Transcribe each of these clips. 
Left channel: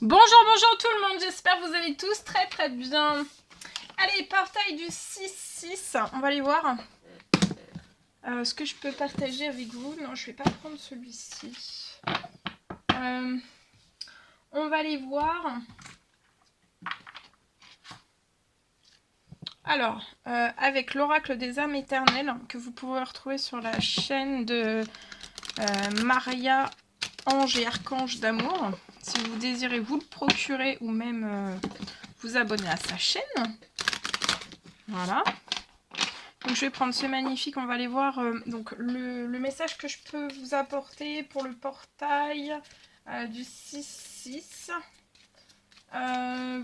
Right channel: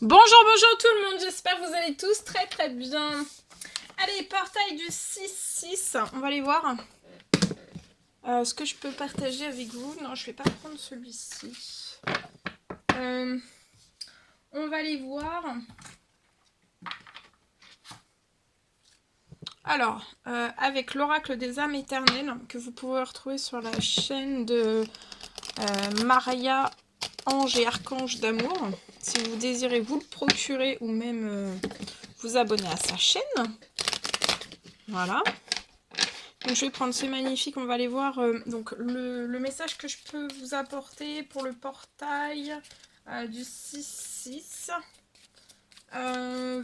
Bonjour, bonjour tout le monde, j'espère que vous allez tous très bien. Allez, portail du 6-6, on va aller voir. Ce que je peux partager avec vous. Non, je vais pas prendre celui-ci. On va aller voir. Alors, avec l'oracle des âmes éternelles, que vous pouvez retrouver sur la chaîne de Maria Ange et Archange d'amour. Si vous désirez vous le procurer ou même vous abonner à sa chaîne. Voilà. Donc je vais prendre ce magnifique, on va aller voir donc le message que je peux vous apporter pour le portail du 6-6.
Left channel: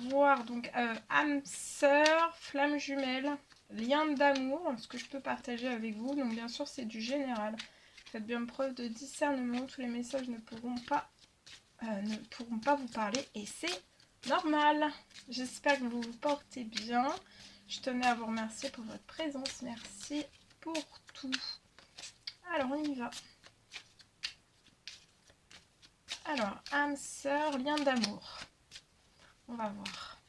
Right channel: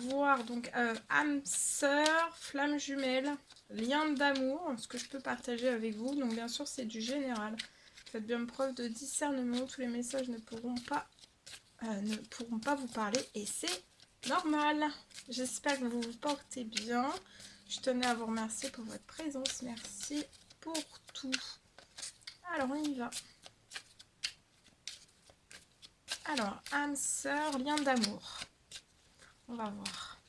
Voir donc âme sœur, flamme jumelle, lien d'amour, ce que je peux partager avec vous. Donc bien sûr c'est du général. Faites bien preuve de discernement, tous les messages ne pourront pas vous parler et c'est normal. J'espère que vous vous portez bien. Je tenais à vous remercier pour votre présence. Merci pour tout. Alors, on y va. Alors, âme sœur, lien d'amour. On va voir.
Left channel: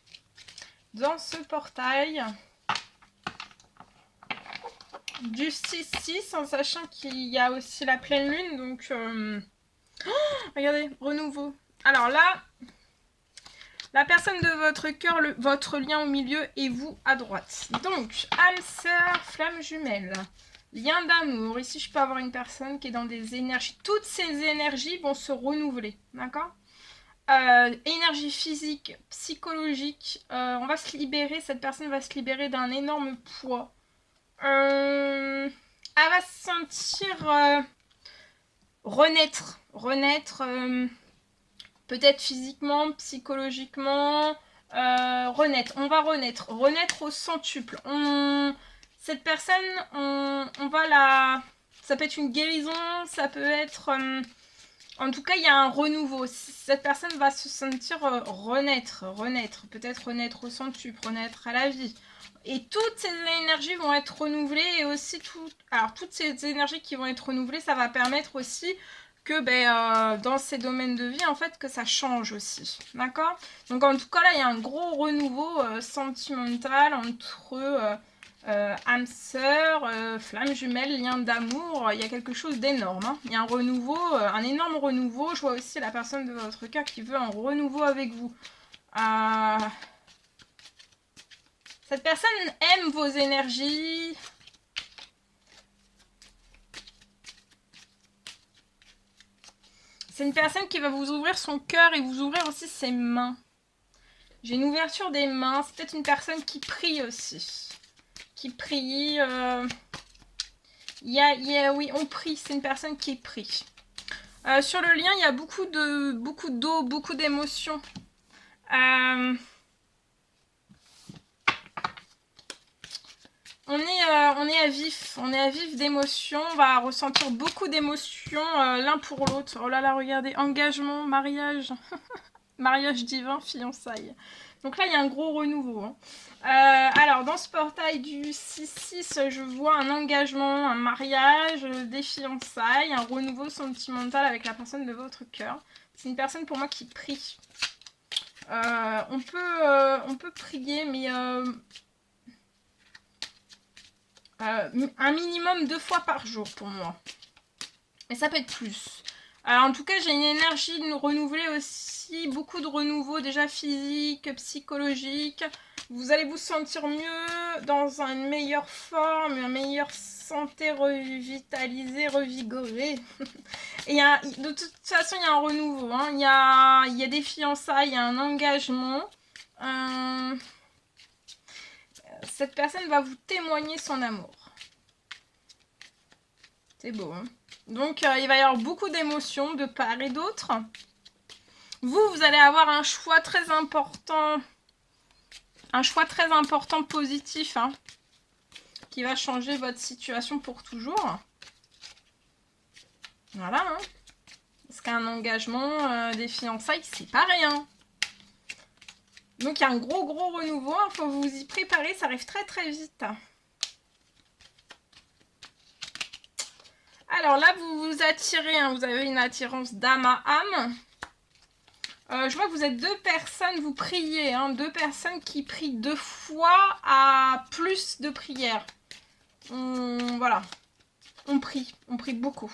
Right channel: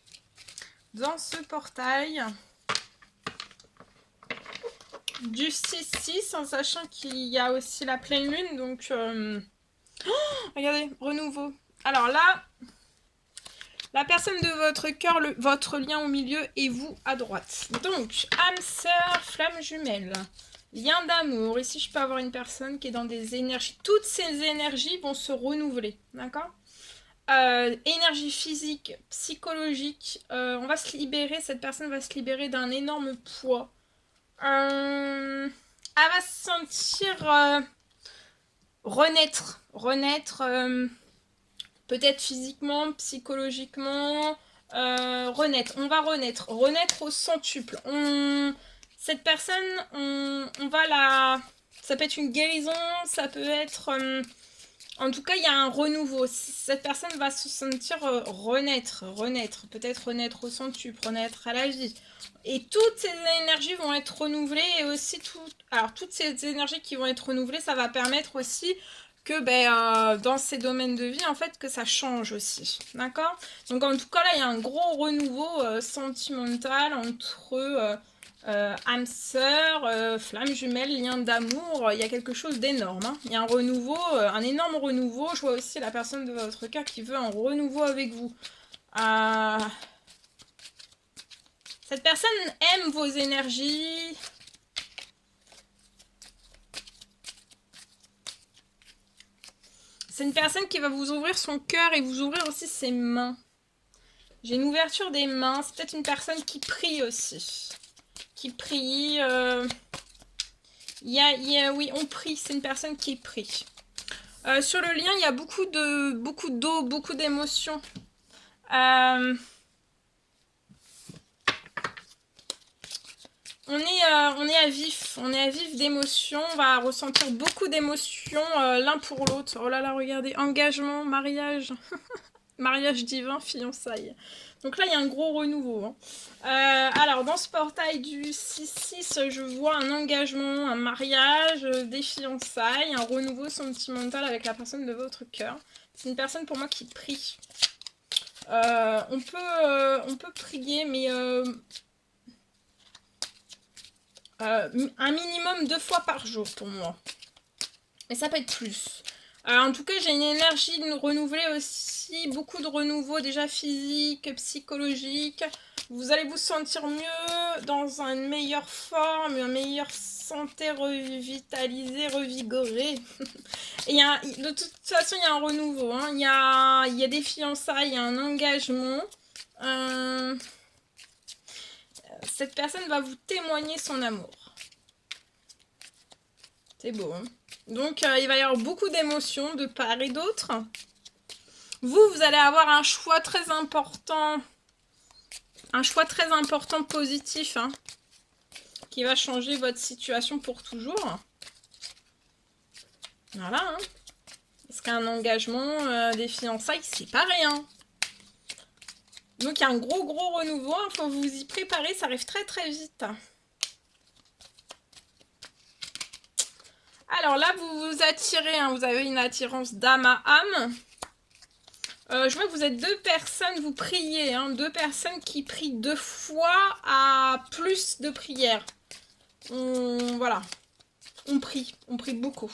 Dans ce portail du 6-6, en sachant qu'il y a aussi la pleine lune, donc... regardez, renouveau. Alors là, la personne de votre cœur, votre lien au milieu et vous à droite. Donc, âme sœur, flamme jumelle. Lien d'amour. Ici, je peux avoir une personne qui est dans des énergies. Toutes ces énergies vont se renouveler. D'accord ? Énergie physique, psychologique. On va se libérer. Cette personne va se libérer d'un énorme poids. Elle va se sentir renaître. Peut-être physiquement, psychologiquement. Renaître. On va renaître. Renaître au centuple. Cette personne, on va la... Ça peut être une guérison, ça peut être... en tout cas, il y a un renouveau. Cette personne va se sentir renaître. Peut-être renaître au centuple, renaître à la vie. Et toutes ces énergies vont être renouvelées. Et aussi, toutes ces énergies qui vont être renouvelées, ça va permettre aussi que dans ces domaines de vie, en fait, que ça change aussi. D'accord ? Donc, en tout cas, là, il y a un gros renouveau sentimental entre... âme sœur, flamme jumelle, lien d'amour, il y a quelque chose d'énorme. Hein. Il y a un renouveau, un énorme renouveau. Je vois aussi la personne de votre cœur qui veut un renouveau avec vous. Cette personne aime vos énergies. C'est une personne qui va vous ouvrir son cœur et vous ouvrir aussi ses mains. J'ai une ouverture des mains. C'est peut-être une personne qui prie aussi. Qui prie. Oui, on prie. C'est une personne qui prie. Sur le lien, il y a beaucoup d'eau, beaucoup d'émotions. On est à vif d'émotions. On va ressentir beaucoup d'émotions l'un pour l'autre. Oh là là, regardez, engagement, mariage, mariage divin, fiançailles. Donc là, il y a un gros renouveau. Hein. Alors, dans ce portail du 6-6, je vois un engagement, un mariage, des fiançailles, un renouveau sentimental avec la personne de votre cœur. C'est une personne pour moi qui prie. On peut prier, mais un minimum 2 fois par jour pour moi. Et ça peut être plus. En tout cas, j'ai une énergie renouvelée aussi, beaucoup de renouveau déjà physique, psychologique. Vous allez vous sentir mieux, dans une meilleure forme, une meilleure santé, revitalisée, revigorée. Et de toute façon, il y a un renouveau. Hein. Il y a des fiançailles, il y a un engagement. Cette personne va vous témoigner son amour. C'est beau, hein. Donc, il va y avoir beaucoup d'émotions de part et d'autre. Vous allez avoir un choix très important. Un choix très important positif, hein, qui va changer votre situation pour toujours. Voilà, hein. Parce qu'un engagement, des fiançailles, c'est pas rien. Donc, il y a un gros renouveau. Il faut vous y préparer. Ça arrive très vite. Alors là, vous vous attirez. Hein, vous avez une attirance d'âme à âme. Je vois que vous êtes 2 personnes, vous priez, hein, 2 personnes qui prient 2 fois à plus de prières. Voilà, on prie beaucoup.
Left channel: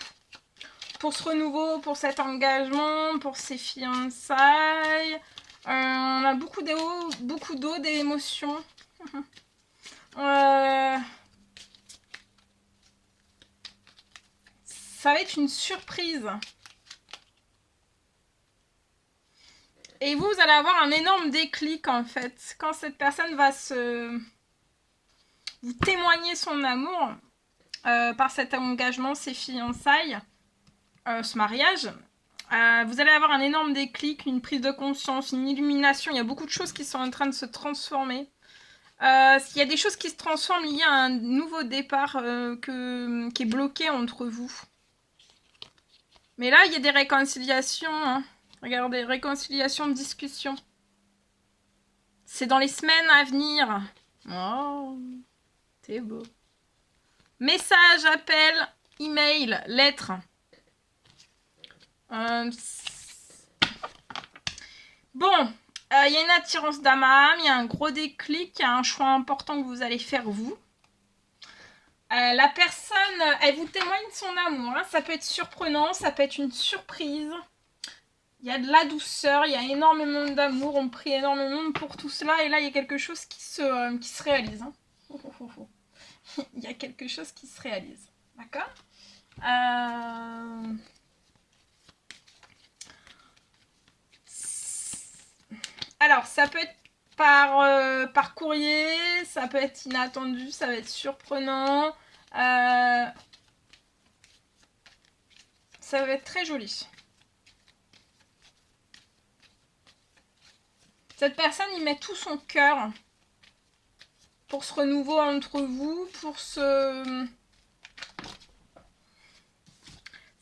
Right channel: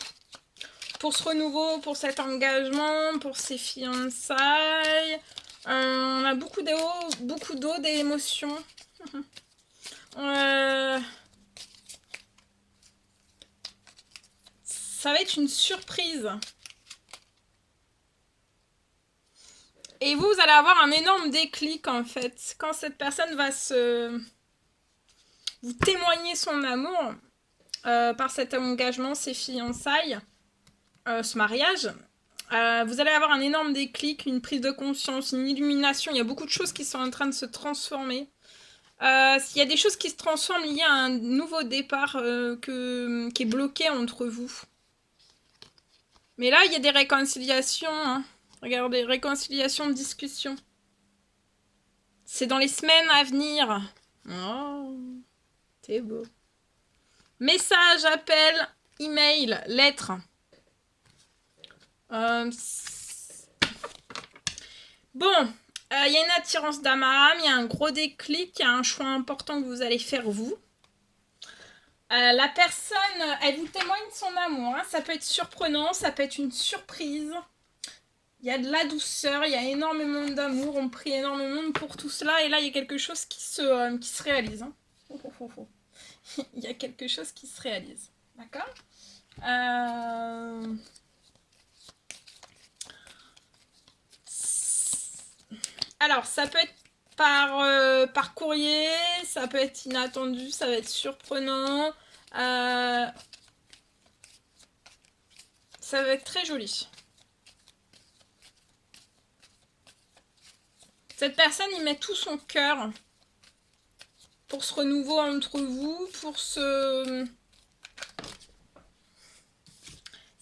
Pour ce renouveau, pour cet engagement, pour ces fiançailles, on a beaucoup d'eau, d'émotions. Ça va être une surprise. Et vous allez avoir un énorme déclic en fait. Quand cette personne va vous témoigner son amour par cet engagement, ces fiançailles, ce mariage, vous allez avoir un énorme déclic, une prise de conscience, une illumination. Il y a beaucoup de choses qui sont en train de se transformer. Il y a des choses qui se transforment, il y a un nouveau départ qui est bloqué entre vous. Mais là, il y a des réconciliations. Hein. Regardez, réconciliation, discussion. C'est dans les semaines à venir. Oh, c'est beau. Message, appel, email, lettre. Bon, il y a une attirance d'âme à âme, il y a un gros déclic, il y a un choix important que vous allez faire vous. La personne, elle vous témoigne son amour. Hein. Ça peut être surprenant, ça peut être une surprise. Il y a de la douceur, il y a énormément d'amour, on prie énormément pour tout cela. Et là, il y a quelque chose qui se réalise. Hein. Il y a quelque chose qui se réalise. D'accord Alors, ça peut être par courrier, ça peut être inattendu, ça va être surprenant. Ça va être très joli. Cette personne, il met tout son cœur pour ce renouveau entre vous, pour cette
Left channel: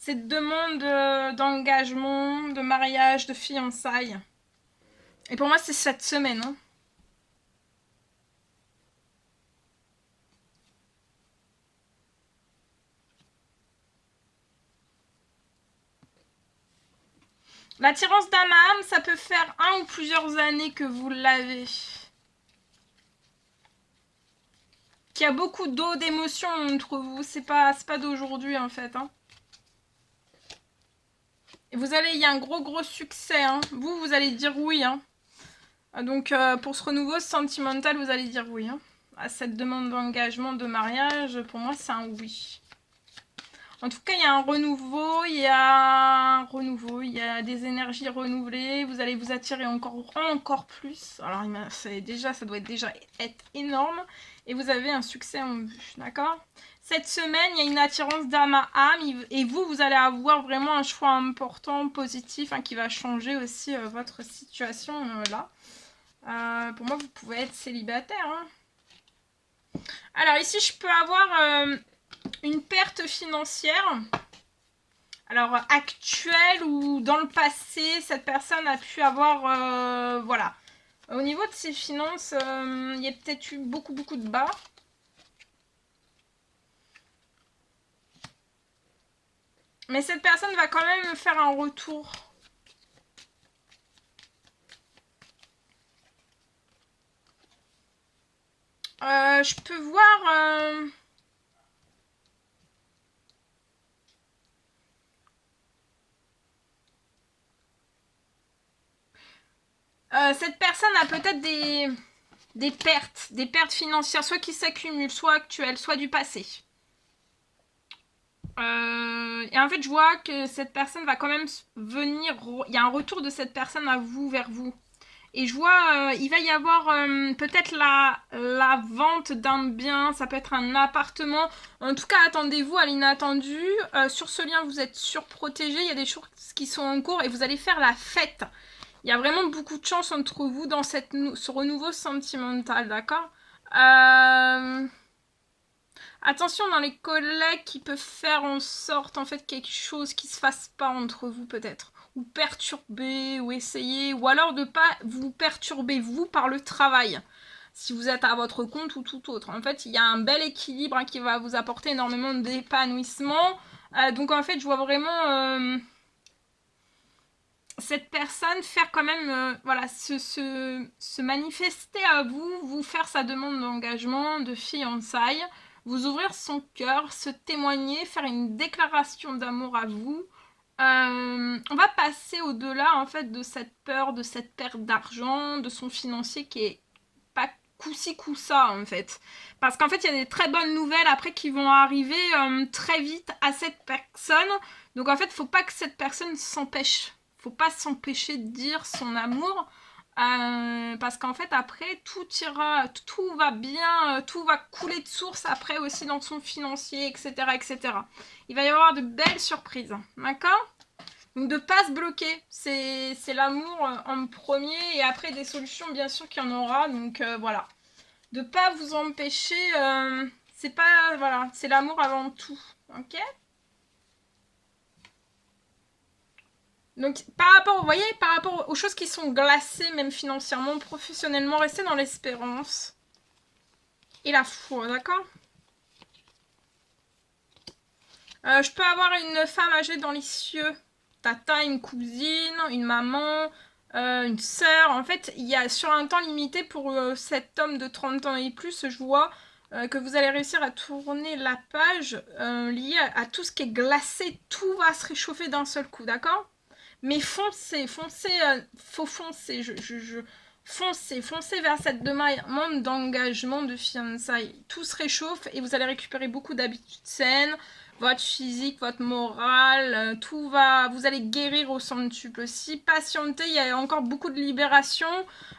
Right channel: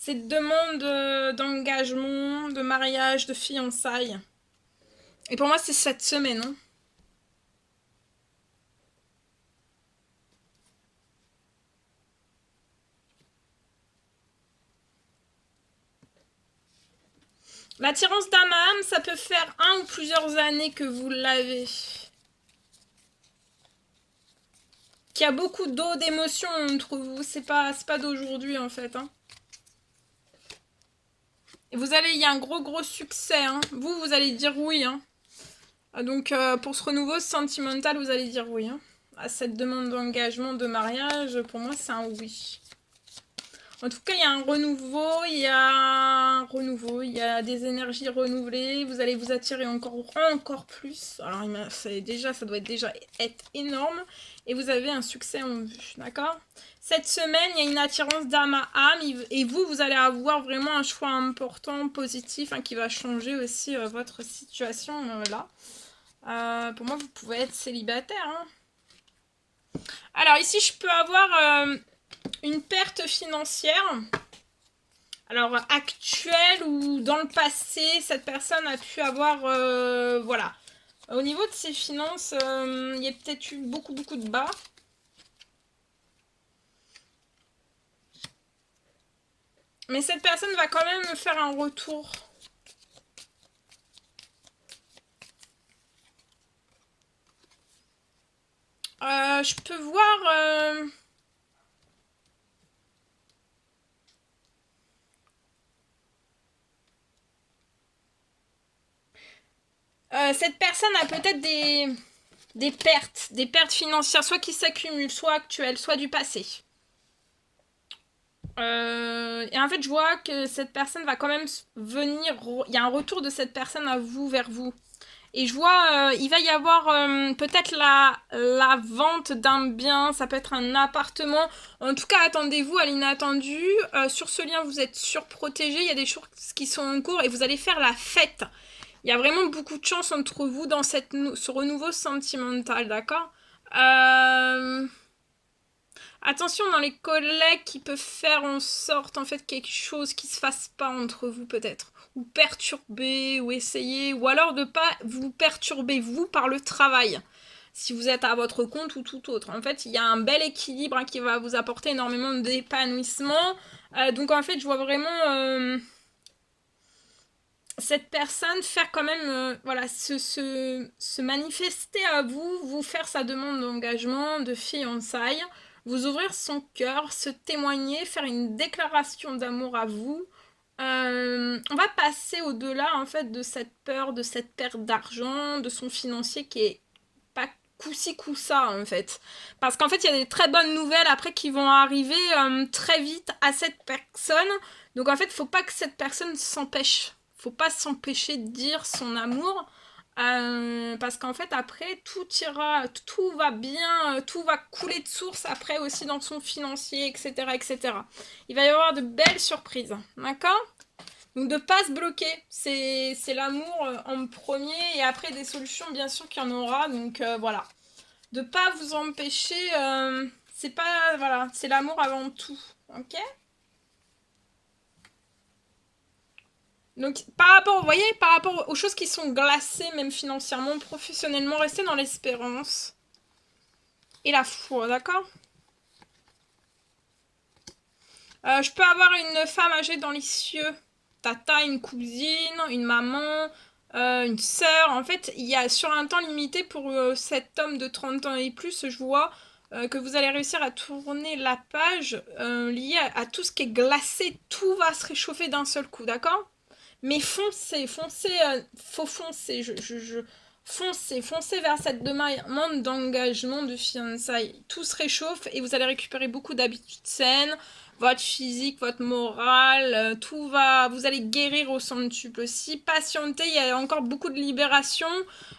demande d'engagement, de mariage, de fiançailles. Et pour moi, c'est cette semaine. Hein. L'attirance d'âme à âme, ça peut faire 1 ou plusieurs années que vous l'avez. Qu'il y a beaucoup d'eau, d'émotions entre vous. C'est pas d'aujourd'hui, en fait. Hein. Et il y a un gros succès. Hein. Vous allez dire oui. Hein. Donc, pour ce renouveau sentimental, vous allez dire oui. Hein. À cette demande d'engagement, de mariage, pour moi, c'est un oui. En tout cas, il y a un renouveau, il y a des énergies renouvelées, vous allez vous attirer encore plus. Alors, ça doit déjà être énorme. Et vous avez un succès en vue, d'accord ? Cette semaine, il y a une attirance d'âme à âme. Et vous allez avoir vraiment un choix important, positif, hein, qui va changer aussi votre situation là. Pour moi, vous pouvez être célibataire. Hein. Alors, ici, je peux avoir... une perte financière, alors actuelle ou dans le passé, cette personne a pu avoir, voilà. Au niveau de ses finances, il y a peut-être eu beaucoup de bas. Mais cette personne va quand même me faire un retour. Je peux voir... cette personne a peut-être des pertes financières, soit qui s'accumulent, soit actuelles, soit du passé. Et en fait, je vois que cette personne va quand même venir... Il y a un retour de cette personne à vous, vers vous. Et je vois, il va y avoir peut-être la vente d'un bien, ça peut être un appartement. En tout cas, attendez-vous à l'inattendu. Sur ce lien, vous êtes surprotégé. Il y a des choses qui sont en cours et vous allez faire la fête. Il y a vraiment beaucoup de chance entre vous dans ce renouveau sentimental, d'accord ? Attention dans les collègues qui peuvent faire en sorte en fait quelque chose qui se fasse pas entre vous peut-être, ou perturber, ou essayer, ou alors de pas vous perturber vous par le travail, si vous êtes à votre compte ou tout autre. En fait, il y a un bel équilibre hein, qui va vous apporter énormément d'épanouissement. Donc en fait, je vois vraiment cette personne faire quand même, voilà, se manifester à vous, vous faire sa demande d'engagement, de fiançailles, vous ouvrir son cœur, se témoigner, faire une déclaration d'amour à vous. On va passer au-delà en fait de cette peur, de cette perte d'argent, de son financier qui est pas coup-ci coup-ça en fait. Parce qu'en fait il y a des très bonnes nouvelles après qui vont arriver très vite à cette personne. Donc en fait faut pas que cette personne s'empêche. Faut pas s'empêcher de dire son amour. Parce qu'en fait après tout ira, tout va bien, tout va couler de source après aussi dans son financier, etc. etc. Il va y avoir de belles surprises, d'accord? Donc de pas se bloquer, c'est l'amour en premier et après des solutions bien sûr qu'il y en aura, donc voilà. De pas vous empêcher, c'est pas, voilà, c'est l'amour avant tout, ok? Donc par rapport, vous voyez, par rapport aux choses qui sont glacées, même financièrement, professionnellement, restez dans l'espérance et la foi, d'accord? Je peux avoir une femme âgée dans les cieux, tata, une cousine, une maman, une sœur. En fait, il y a sur un temps limité pour cet homme de 30 ans et plus, je vois que vous allez réussir à tourner la page liée à tout ce qui est glacé. Tout va se réchauffer d'un seul coup, d'accord? Mais foncez, foncez, faut foncer. Foncez, foncez vers cette demande d'engagement, de fiançailles. Tout se réchauffe et vous allez récupérer beaucoup d'habitudes saines, votre physique, votre morale, tout va, vous allez guérir au centuple aussi. Patientez, il y a encore beaucoup de libération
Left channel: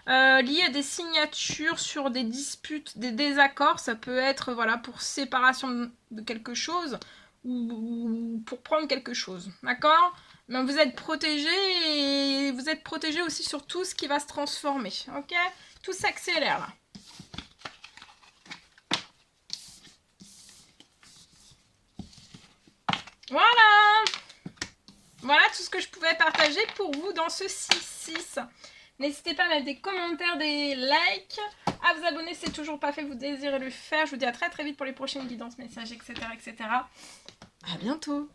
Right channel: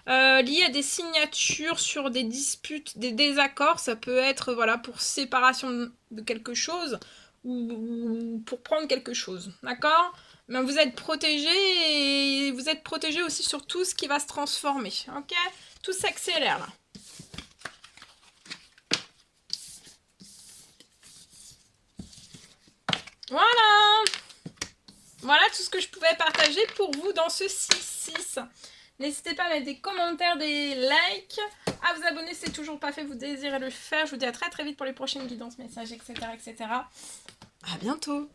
liées à des signatures sur des disputes, des désaccords. Ça peut être voilà pour séparation de quelque chose ou pour prendre quelque chose, d'accord? Mais vous êtes protégé et vous êtes protégé aussi sur tout ce qui va se transformer, ok? Tout s'accélère là. Voilà! Voilà tout ce que je pouvais partager pour vous dans ce 6-6. N'hésitez pas à mettre des commentaires, des likes, à vous abonner si c'est toujours pas fait, vous désirez le faire. Je vous dis à très très vite pour les prochaines guidances, messages, etc. etc. À bientôt!